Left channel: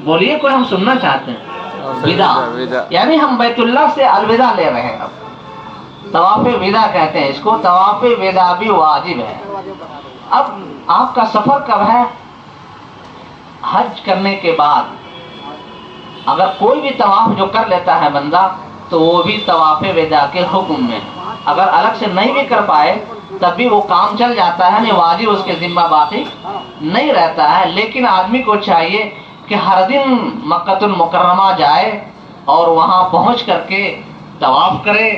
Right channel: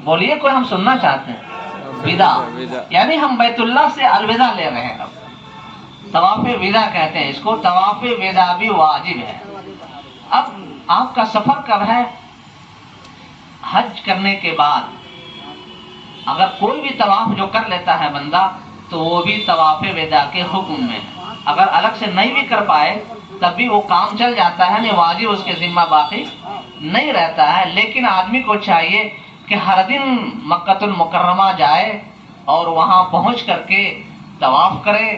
بولیے کوئی ہم سننا چاہتے ہیں؟ ودا، یعنی ہم بیت اللہ سے الوداع لے رہے ہیں. طواف ودا کہتے ہیں اس کو. طواف ودا بھی واجب ہے. اب آپ کا سفر کب ہے؟ حج کرنے کے بعد. اگر کوئی بھی طواف جو کر لیتا ہے بندہ تو وہ بھی طواف ودا کے حکم میں. اگر الگ سے نہیں بھی کر پائے تب بھی وہ کام چل جاتا ہے، نہیں واجب اس کے ذمہ باقی نہیں رہتا ہے. لیکن آدمی کو چاہیے کہ ہر دن مکۃ المکرمہ جائے اور وہاں پہنچ کر کے طواف کرے،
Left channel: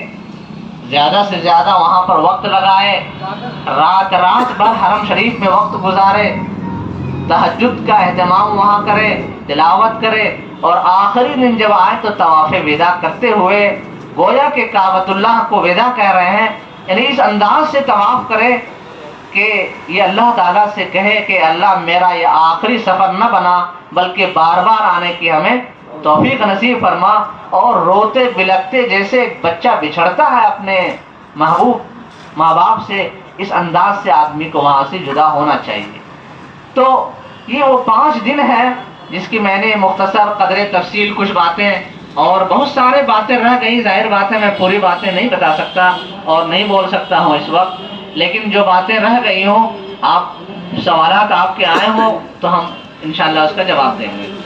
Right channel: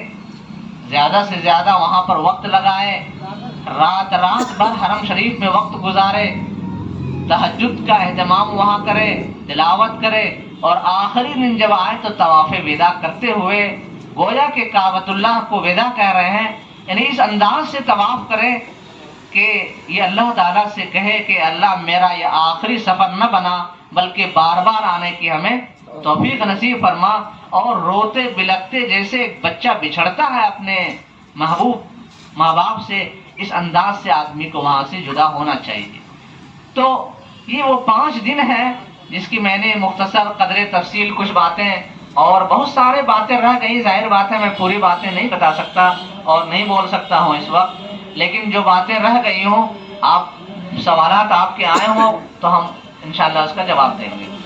زیادہ سے زیادہ وہاں پر وقت لگائے، رات بھر حرم شریف میں وقت گزارے، تہجد کا اہتمام وہاں کرے، تلاوت کرے، اور آخری دن جب آئے تو طواف ودا کرتے ہوئے گویا کہ کعبۃ اللہ کو ودا کہہ رہے ہیں. یعنی اس انداز سے طواف کرے کہ یہ اللہ تعالیٰ سے کہے کہ اللہ میرا یہ آخری سفر نہ بنا بلکہ بار بار آنے کی ہمیں توفیق نصیب فرما. اور روتے بلکتے جیسے ایک بچہ بچھڑتا ہے اپنے محبوب ماں باپ سے، اس انداز سے آدمی کو وہاں سے جدا ہونا چاہیے. تو یہ وہ 5 دن ہے جس کی میں نے مختصر قدر تفصیل کچھ باتیں، اور بہت سارے باتیں رہ گئی. ظاہر بات ہے میں پوری باتیں نہیں بتا سکتا اور نہیں بول سکتا ہوں اس وقت، لیکن جو باتیں رہ گئی ہوں، آپ سوالات آپ کے آئے ہوں تو ہم انشاءاللہ اس کا جواب دیں گے.